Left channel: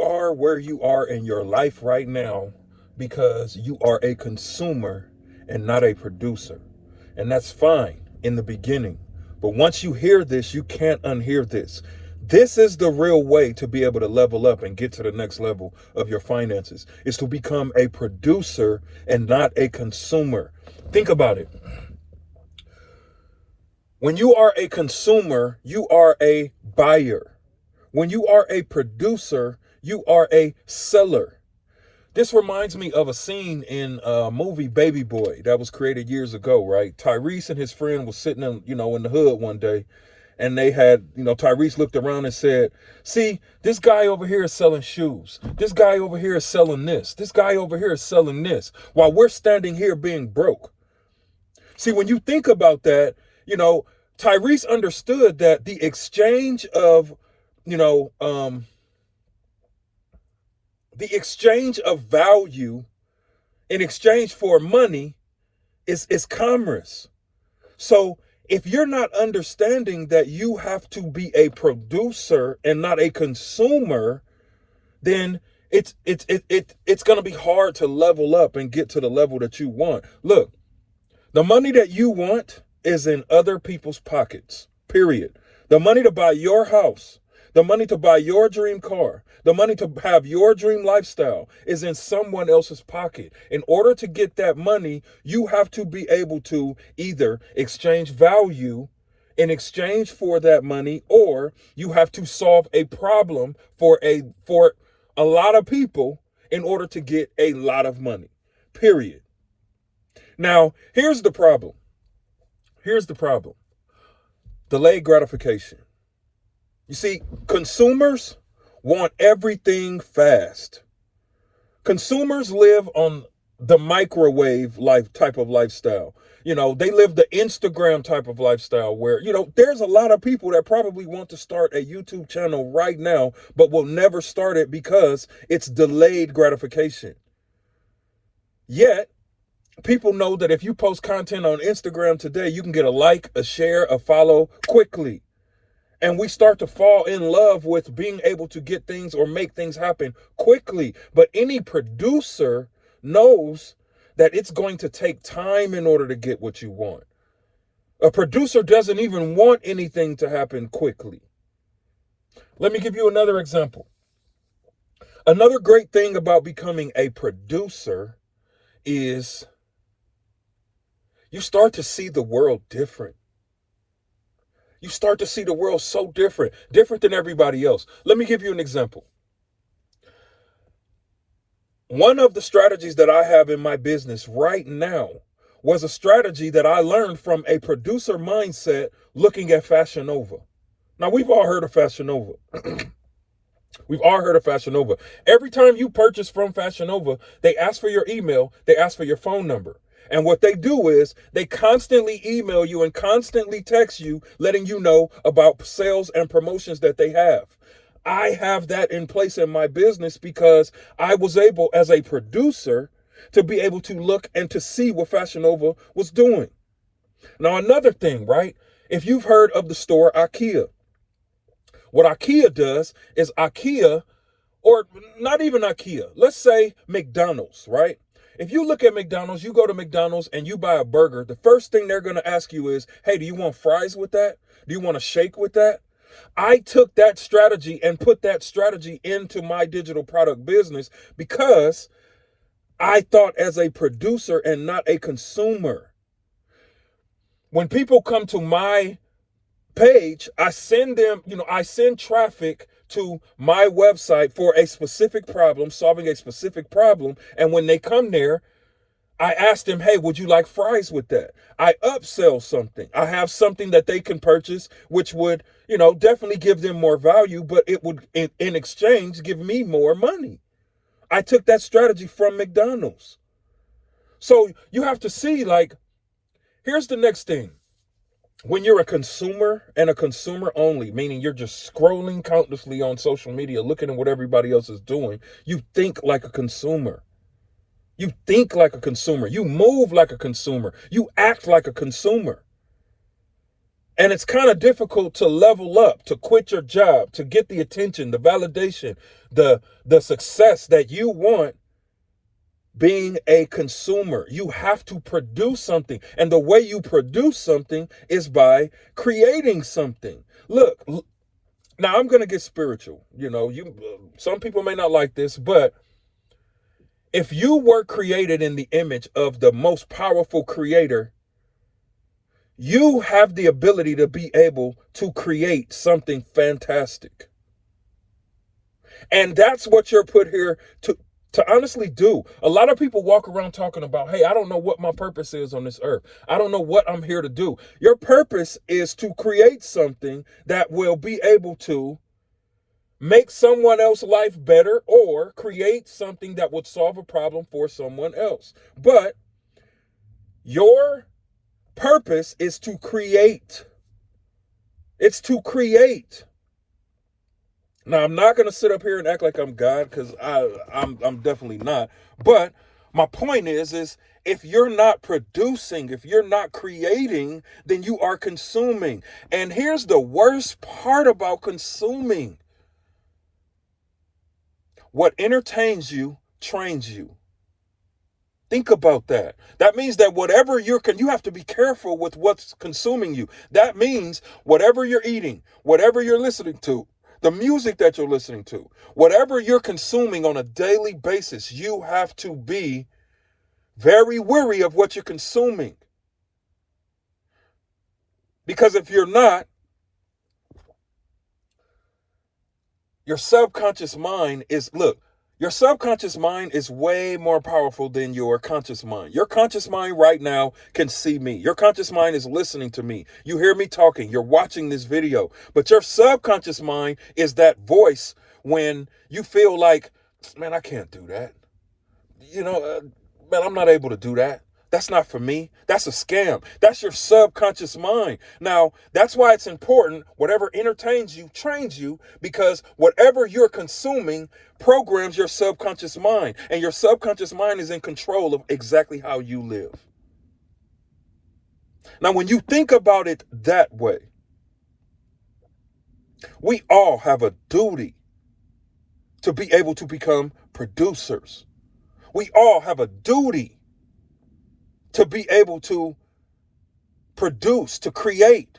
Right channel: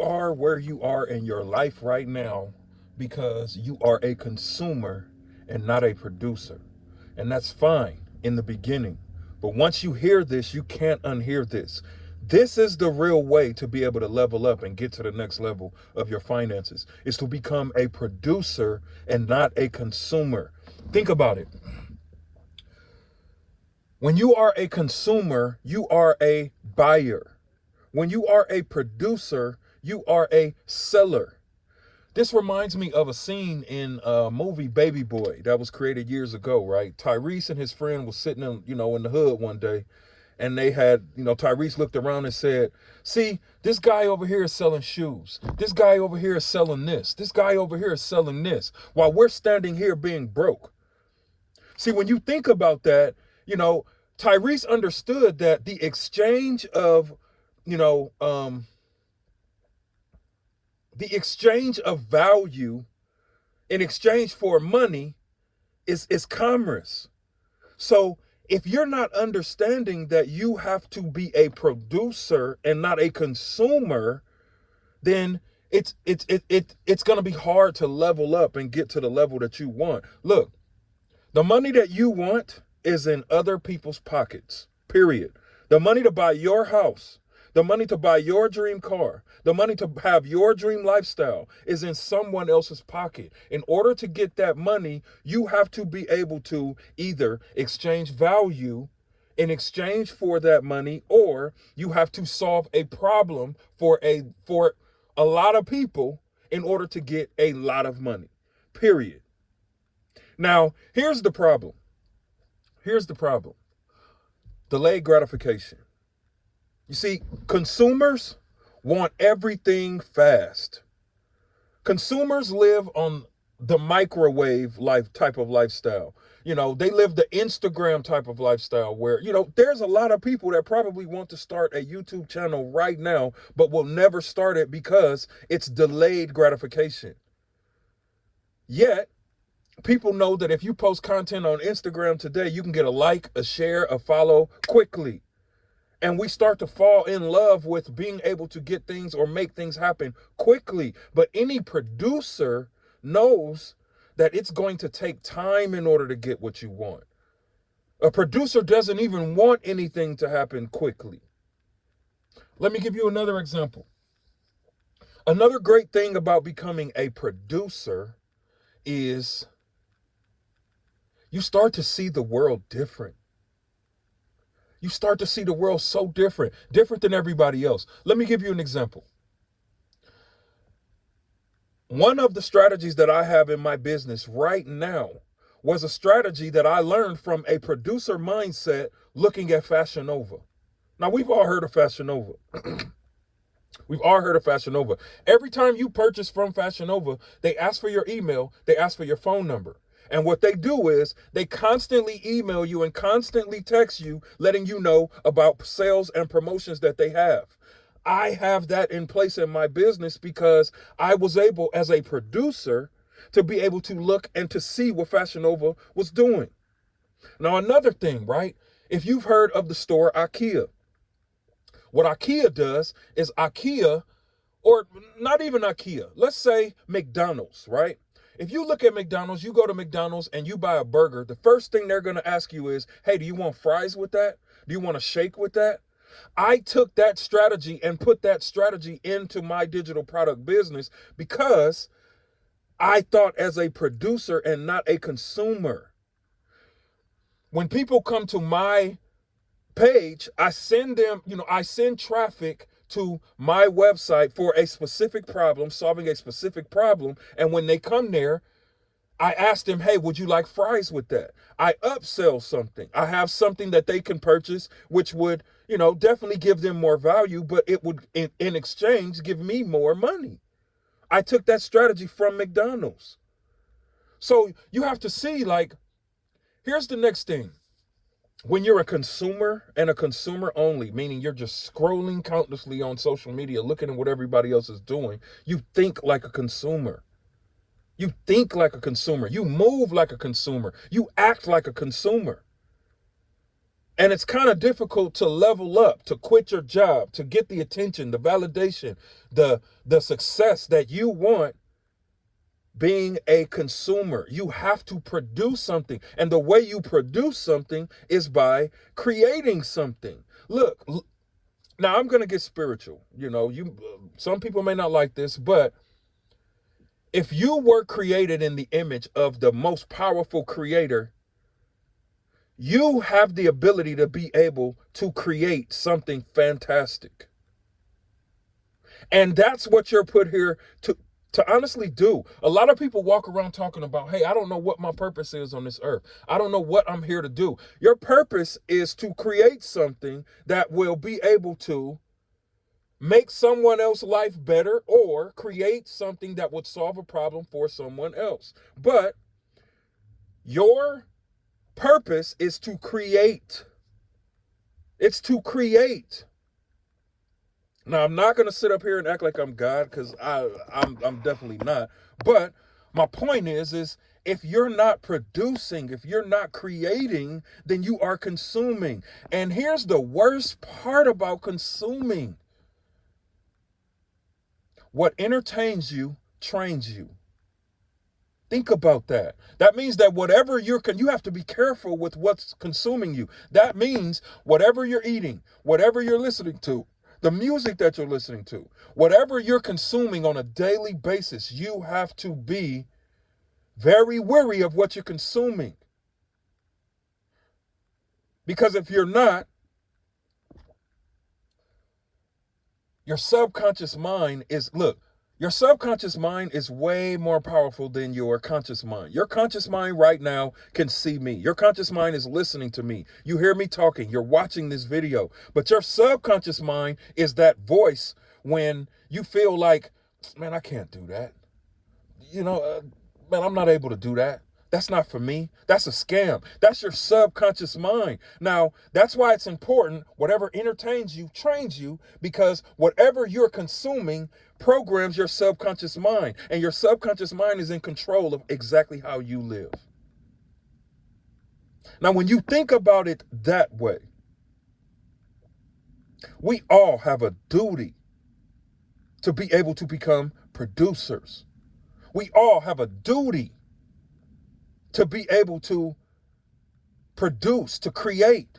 You are where you are in your life right now because you are a consumer and not a producer. And that's fine in the beginning. But once you hear this, you can't unhear this. This is the real way to be able to level up and get to the next level of your finances, is to become a producer and not a consumer. Think about it. When you are a consumer, you are a buyer. When you are a producer, you are a seller. This reminds me of a scene in a movie Baby Boy that was created years ago, right? Tyrese and his friend was sitting in the hood one day, and they had, Tyrese looked around and said, "See, this guy over here is selling shoes. This guy over here is selling this. This guy over here is selling this, while we're standing here being broke." See, when you think about that, Tyrese understood that the exchange of, you know, the exchange of value in exchange for money is commerce. So if you're not understanding that you have to be a producer and not a consumer, then it's going to be hard to level up and get to the level that you want. Look, the money that you want is in other people's pockets, period. The money to buy your house, the money to buy your dream car, the money to have your dream lifestyle is in someone else's pocket. In order to get that money, you have to be able to either exchange value in exchange for that money, or you have to solve a problem for a lot of people in order to get a lot of money, period. Now, here's the problem. Here's the problem. Delayed gratification. You see, consumers want everything fast. Consumers live on the microwave life type of lifestyle. They live the Instagram type of lifestyle where, there's a lot of people that probably want to start a YouTube channel right now, but will never start it because it's delayed gratification. Yet, people know that if you post content on Instagram today, you can get a like, a share, a follow quickly. And we start to fall in love with being able to get things or make things happen quickly. But any producer knows that it's going to take time in order to get what you want. A producer doesn't even want anything to happen quickly. Let me give you another example. Another great thing about becoming a producer is you start to see the world different. You start to see the world so different than everybody else. Let me give you an example. One of the strategies that I have in my business right now was a strategy that I learned from a producer mindset looking at Fashion Nova. Now, we've all heard of Fashion Nova. We've all heard of Fashion Nova. Every time you purchase from Fashion Nova, they ask for your email, they ask for your phone number. And what they do is they constantly email you and constantly text you, letting you know about sales and promotions that they have. I have that in place in my business because I was able, as a producer, to be able to look and to see what Fashion Nova was doing. Now, another thing, right? If you've heard of the store IKEA, what IKEA does is IKEA, or not even IKEA, let's say McDonald's, right? If you look at McDonald's, you go to McDonald's and you buy a burger, the first thing they're going to ask you is, hey, do you want fries with that? Do you want a shake with that? I took that strategy and put that strategy into my digital product business because I thought as a producer and not a consumer. When people come to my page, I send traffic to my website for a specific problem, solving a specific problem. And when they come there, I ask them, hey, would you like fries with that? I upsell something. I have something that they can purchase, which would, definitely give them more value, but it would, in exchange, give me more money. I took that strategy from McDonald's. So you have to see, here's the next thing. When you're a consumer and a consumer only, meaning you're just scrolling countlessly on social media, looking at what everybody else is doing, you think like a consumer. You think like a consumer. You move like a consumer. You act like a consumer. And it's kind of difficult to level up, to quit your job, to get the attention, the validation, the success that you want being a consumer. You have to produce something. And the way you produce something is by creating something. Look, now I'm going to get spiritual. Some people may not like this, but if you were created in the image of the most powerful creator, you have the ability to be able to create something fantastic. And that's what you're put here to honestly do. A lot of people walk around talking about, hey, I don't know what my purpose is on this earth. I don't know what I'm here to do. Your purpose is to create something that will be able to make someone else's life better or create something that would solve a problem for someone else. But your purpose is to create. It's to create. Now, I'm not going to sit up here and act like I'm God, because I'm definitely not. But my point is if you're not producing, if you're not creating, then you are consuming. And here's the worst part about consuming. What entertains you trains you. Think about that. That means that whatever you have to be careful with what's consuming you. That means whatever you're eating, whatever you're listening to, the music that you're listening to, whatever you're consuming on a daily basis, you have to be very wary of what you're consuming. Because if you're not, your subconscious mind your subconscious mind is way more powerful than your conscious mind. Your conscious mind right now can see me. Your conscious mind is listening to me. You hear me talking. You're watching this video. But your subconscious mind is that voice when you feel like, man, I can't do that. Man, I'm not able to do that. That's not for me. That's a scam. That's your subconscious mind. Now, that's why it's important, whatever entertains you, trains you, because whatever you're consuming programs your subconscious mind. And your subconscious mind is in control of exactly how you live. Now, when you think about it that way, we all have a duty to be able to become producers. We all have a duty to be able to produce, to create.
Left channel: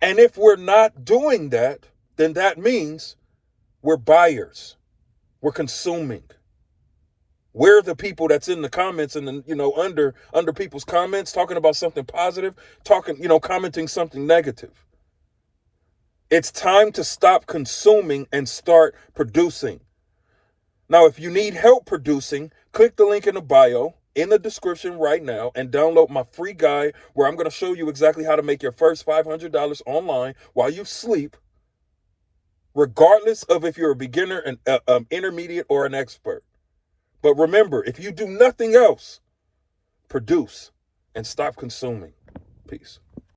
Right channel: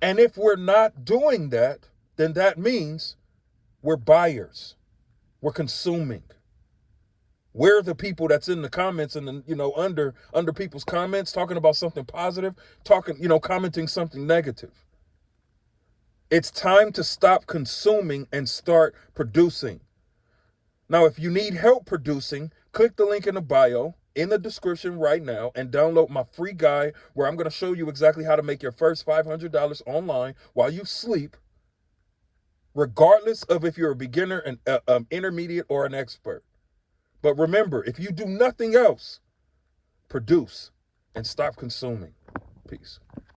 And if we're not doing that, then that means we're buyers. We're consuming. We're the people that's in the comments and under people's comments talking about something positive, commenting something negative. It's time to stop consuming and start producing. Now, if you need help producing, click the link in the bio in the description right now and download my free guide where I'm going to show you exactly how to make your first $500 online while you sleep, regardless of if you're a beginner, an intermediate, or an expert. But remember, if you do nothing else, produce and stop consuming. Peace.